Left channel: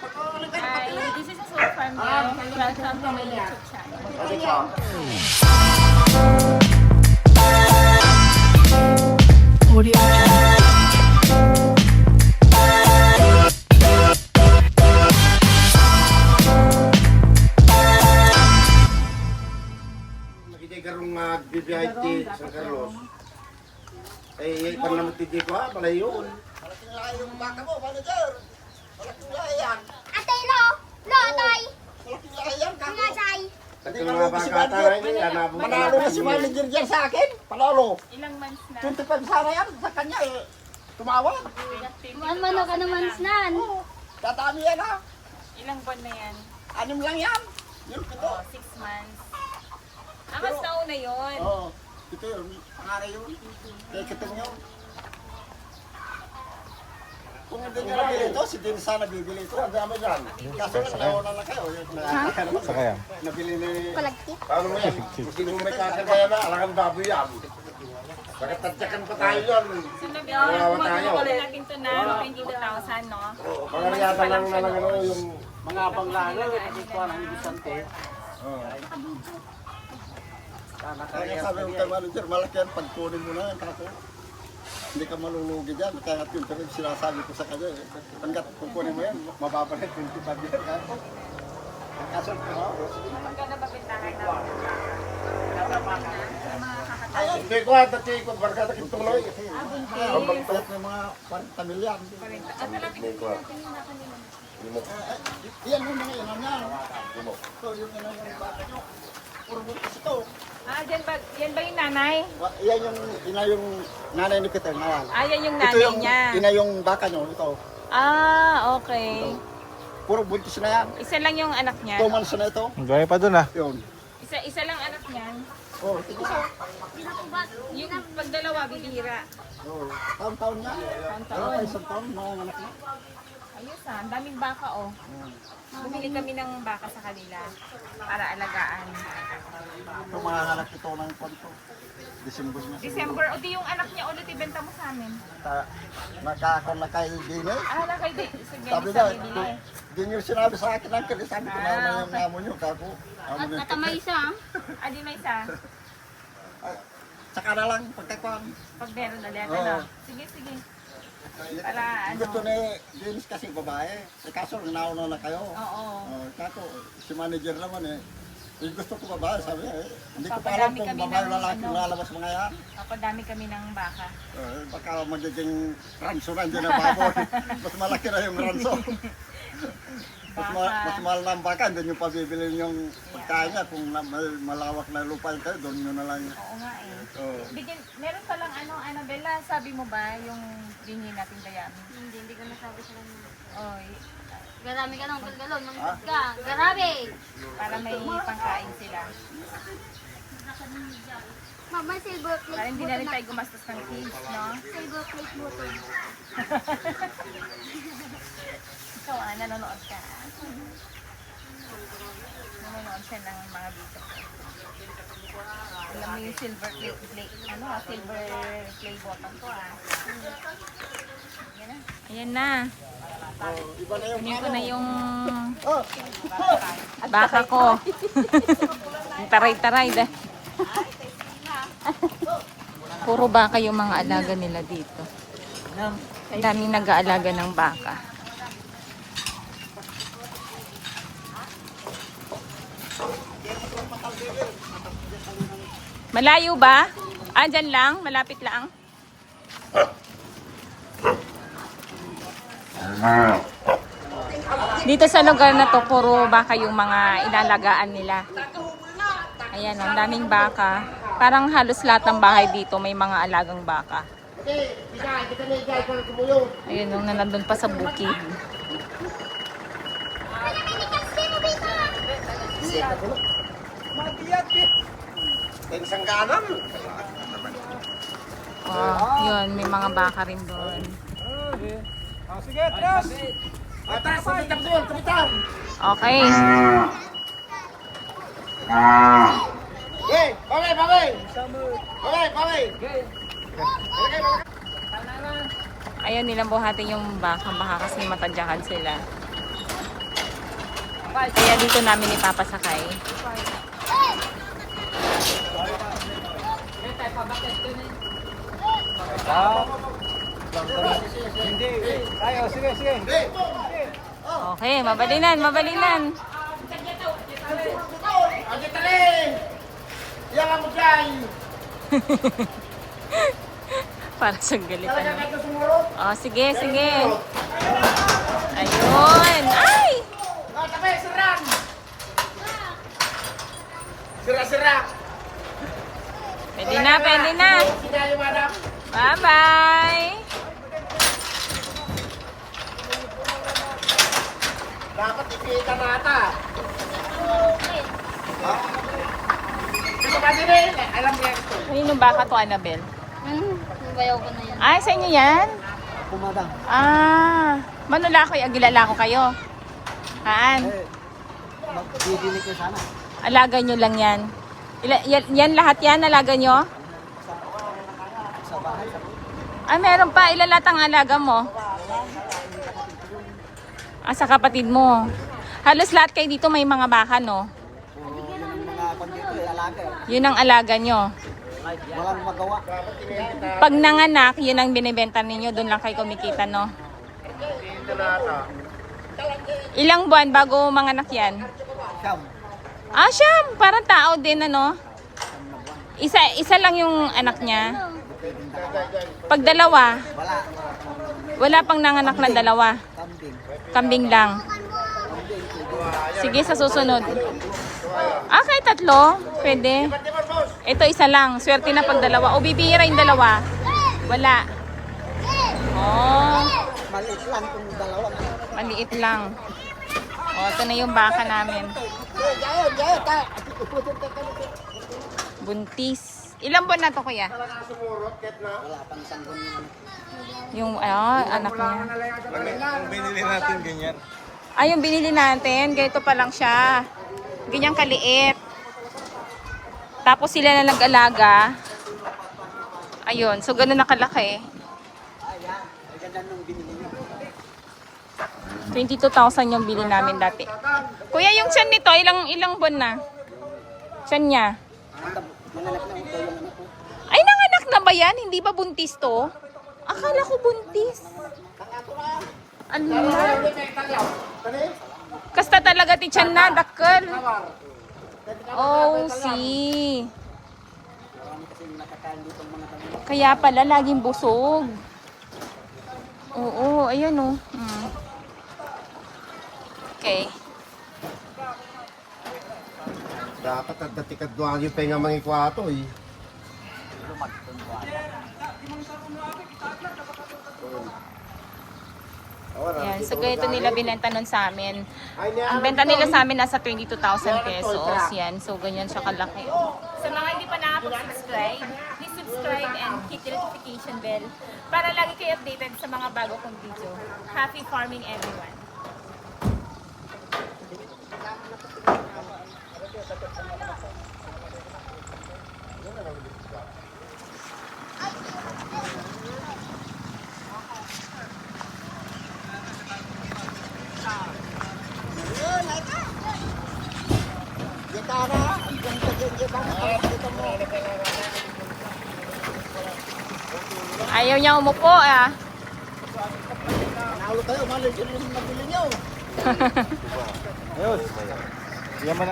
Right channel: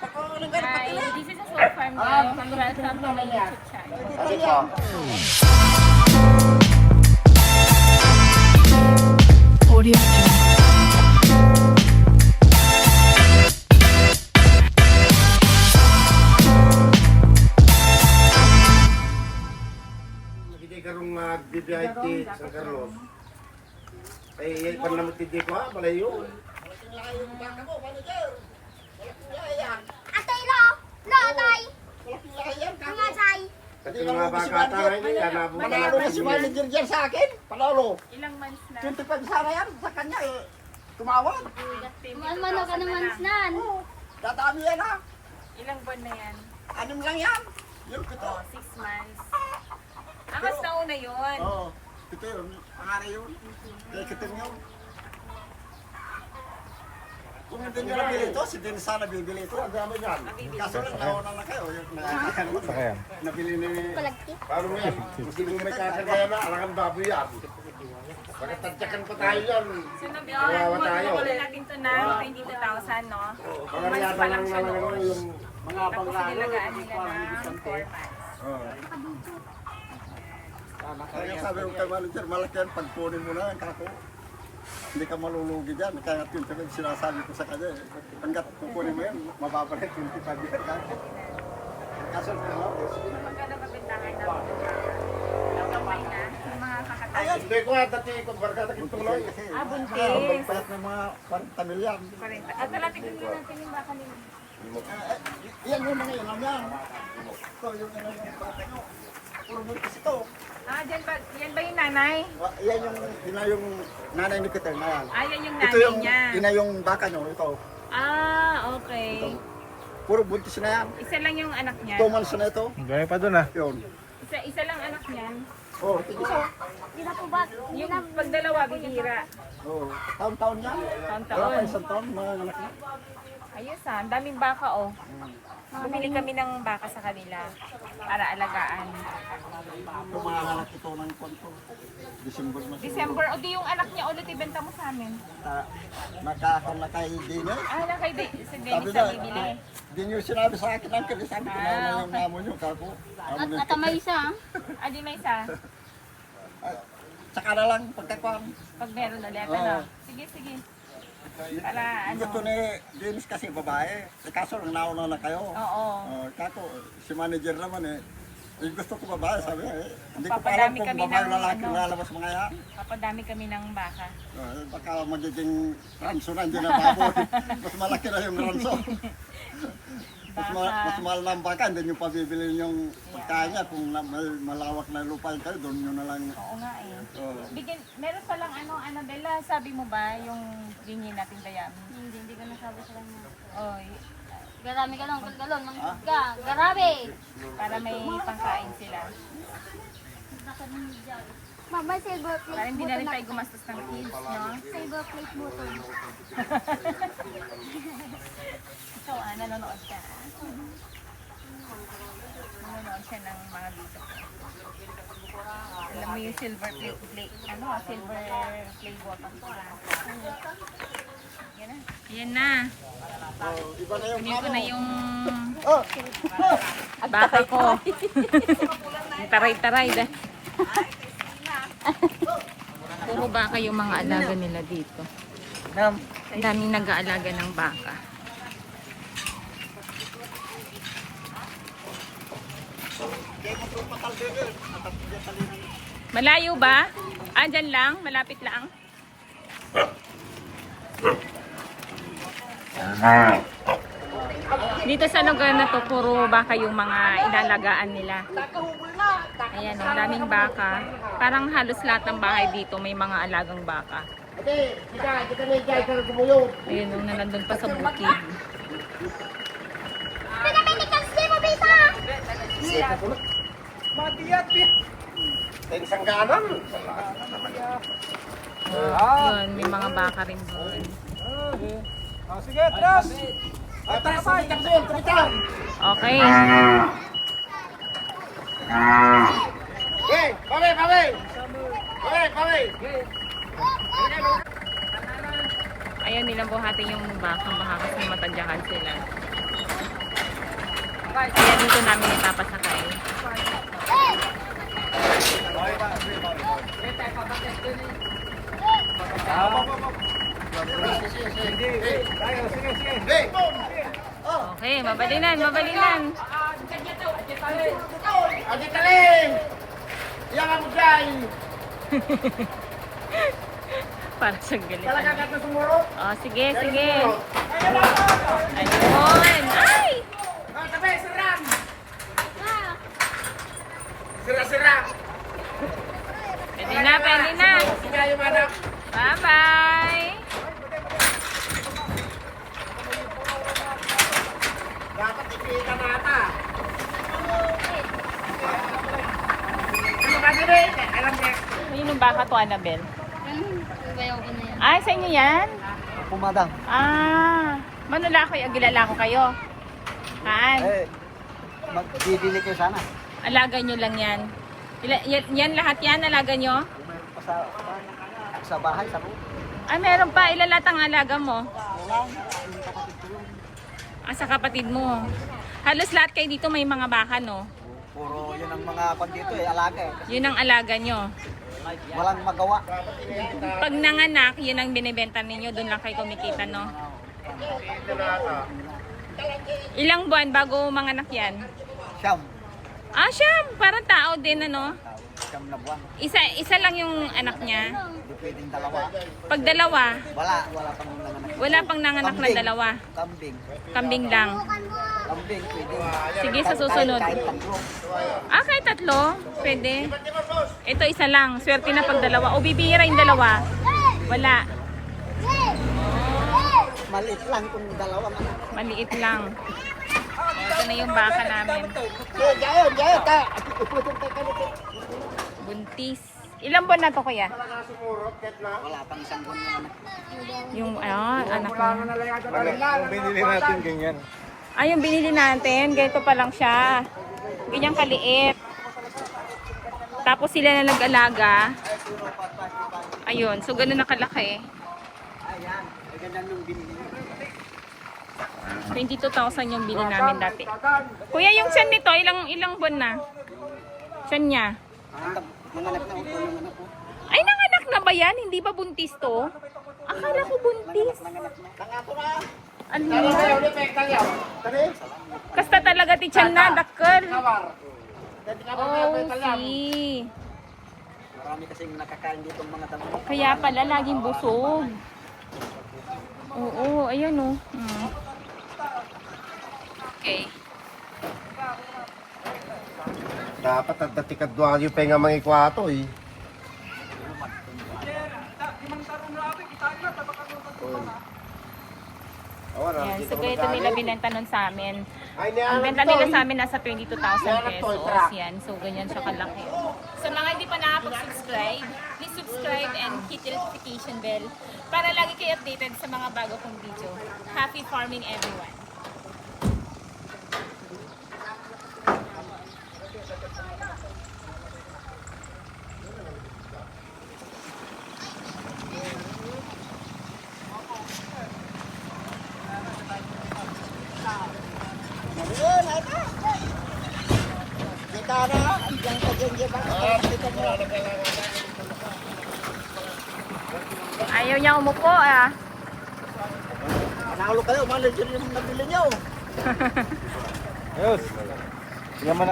Hi, this is a soul farm girl. Welcome to my YouTube channel. Audio Jungle. Karong uh, BBIT San Carlos. Ay, ay, pan naman tindi ko ha, malayo. Atay lo! Lo, atay! Mga say! At yung mga baka tayo, hindi ka nabong Manalo na si manager dyan sa akin. Panalo. Ilang months na? 25 sana yan sa kanya eh. Tumawag. Ano ano ka? Tatami yan ha. Ilang buwan na yan? Anim lang yan. Yun, pito. Oh, six months. Ah, mas nauna yun. Oo. Ito yun. Pangaray yun. Kaya kitim yun. Kung hindi nila bili ito, si Din sana bibili ito. Ang ano yan. Kaso nauna na kayo. Yung may Sakaya. Nabili ni... Paano mo yan? Kung may kakagaya na, alangan baboy yan. Pagkatadyakan pa tayo yan. So, tayo. nabili natin to na 22,000, no? Months yata pa lang siya na noon. yung mga Tapos nilagaan nila ng 4 months. Kaya sabi ko kay manager, malaki yan. Pagkunin mo na. Kako. Hindi ka malulugi dyan. Kaya nga yun, sabi- sinasabi ko sa kanya. Eh. Hanggat kukunin mo yan, mababalik 25 yan. ha? Kaso. Magkano ba bintakan na? Yung mga kakatayo. Hindi ko ha, dati ko barkada. Ah, buntis. Kahit may mga 40 milyan. 40. At talapit din natin yung baka nila. Eh, Yan mo mga inan yan. Ito, yung inan yung bata nyo. Puro buntis ito. Ah, dyan ba, yan ba yung nanay? Wa- Yan yung ina yung nanay ni Peter na yan. Ah, yan yung Ito nanay yung niya. ina yung baka nyo. Ito. Ah, okay. Puro buntis na yan. Isa lang yung anak niya. Two months na ito. Gaya pa dun ah. Yun. Isa, isa lang anak niyan. Oh. Hindi na po ba? Yung pag dalawa, bibihira. Oh, taon-taon yan. Wala pa Taon-taon. isang taon, mga anak na. Ayos ah, ang daming baka oh. Bumili kami ng baka sa kanila para alagaan. Ito mga anak ito ng kwanto. December na siguro. December, o di yung anak niya ulit ibenta mo sa amin. Ta- Nakakon na kay Dine. Ah, na kay Di- si Sabi Dennis na, ang bibili. di nyo sinabi sa akin ang kali. Sabi ko na Ah, na yung amo nyo. Kako. Amo At nyo. natamay siya. Ah, di may isa. Ay, Tsaka na lang pagkakuan. Pag meron ulit, Oo. ano. Sige, sige. Para ano. Gusto ni Dennis kasi babae. Eh, kaso nauna na kayo. Oo. Oh, kako, si manager naman eh. Eh, gusto ko babae, sabi niya eh. Hindi ko pa alam kung kami babae ng lalaki ano. lalabas mga yan. Papadami kami ng baka. Eh, baka magiging ranso na dyan ang baboy. mas malaki na yung ranso. mas, ma- mas mahal na ang baka, hindi nyo pabibili yung pagkain niya. Kung na, may malawak na lupa yung kayo, doon nyo na lang. Oo nga eh. Oh. Bigyan, meron pa lang ano, Annabella, sabi mo ba yung bingin natin dayami? Hindi, hindi ko nasabi sa kanya. Oh, y- Garami ka ng galgalon. Ha? Ka, garabi! para may pangkain sila. Ma'am, may silver plate Para hindi na to rin tayo gumastos ng kids, no? Silver plate mo to. Ikaw ah, nanonood ka. Nanonood siya ng mga video ko. Alam mo yung silver play, play ano, ah, silver play button ko ah. Yan na. Ayan na. Oh, iba na yung Kunin ko na yung Oh, baka ko. Taray-taray. dah. Puro baka yung mga alaga nila dito. Ang daming nag-aalaga ng baka. Malayo ba? Ah, lang? Malapit lang? Dito sa lugar na to, puro baka yung mga inalagaan nila. Ayan, ang daming baka. Parang halos lahat ng bahay dito may mga alagang baka. Ayun, nung nandun pa sa bukid. Oh, yun, may mga baka rin doon. Ay, taas sa itak doon, tumitar. Okay. Pare, pare. Pare, pare. Ayaw nilang buhatin yung baka, baka kasi matadyakan sila. Kaya dito namin ipapasakay. Okay, mabalinan, mabalinan. Adi Yang mo dyan! Para sa galit. Talaga ano. ka na sumurot? Oh, sige, sige. Ayun. Ay! Ah, tabi, siram! Sira-sira! Pwede na, pwede na. Bye-bye. Dapat ipita na ata. Ano ba din eh? Alam Ano baka to, Annabel? Ano? Bayaw ko na yan. Ay, sa inyo yan? Pumadang. Ah, manula ko, agilala ko kayo. Haan, Eh, magbibili kayo sana. alaga nyo lang yan. Ila, yan, yan lahat yan, alaga nyo? Meron pa sa, sa bahay, sa loob. Ay, meron pa, ilan lahat ang alaga mo? Wala. Yung kapatid ko yun. Ah, sa kapatid mo. Halos lahat kayo dito may mga baka, no? Puro yun ang mga kwan dito eh, alaga eh. Yun ang alaga nyo. Walang magawa. Pag nanganak, yun ang binibenta ninyo, doon lang kayo kumikita, no? Ilang buwan bago manganak yan? Siyam. Ah, siyam! Parang tao din, ano? Siyam na buwan. Isa, isa lang yung anak niya. Hindi pwedeng dalawa. Pag dalawa, Wala. Wala pang naman. wala pang nanganak na dalawa. Kambing. Kambing lang. Sige, sa susunod. Ah, kahit tatlo? Pwede. Ito isa lang. Swerte na pag dalawa. O bibihira yung dalawa. Wala. Oh, Maliit lang kung dalawa. maliit lang. O, ito na yung baka namin. Buntis. Ilang buwan na to, kuya? Talaga sumurot, ket na. Wala pang isang buwan. Yung, ah, anak niya. Binili natin ganyan. Ay, yung binili natin, ganito pa lang siya. Ganyang kaliit. Tapos sila na nag-alaga. Ayun, so ganun nakalaki. Ayan. Ay ganda nung binili niya. 22,000 yung bili namin dati. Kuya, yung tiyan nito, ilang ilang buwan na? Tiyan niya. Ay, nanganak na ba yan? Hindi ba buntis to? Akala ko buntis. Ala. Kasta talaga ti tiyan na, dakkel. Oh, see. Marami kasing nakakain dito mga damo. Kaya pala laging busog. Oo, ayan oh. Hmm. Okay. Dapat at datikadwa yung penga mga ikwato eh. Yan, so ganito nila binenta nun sa amin. Ang benta nila sa amin nasa 22,000 pesos. Yan, so ganyan siya kalaki. Sa mga hindi pa nakapag-subscribe, please subscribe and hit the notification bell para lagi kayo updated sa mga bago kong video. Happy farming everyone! Ayaw niya umupo ah. Nalo kayo, yung binili niyo. Yan mo na.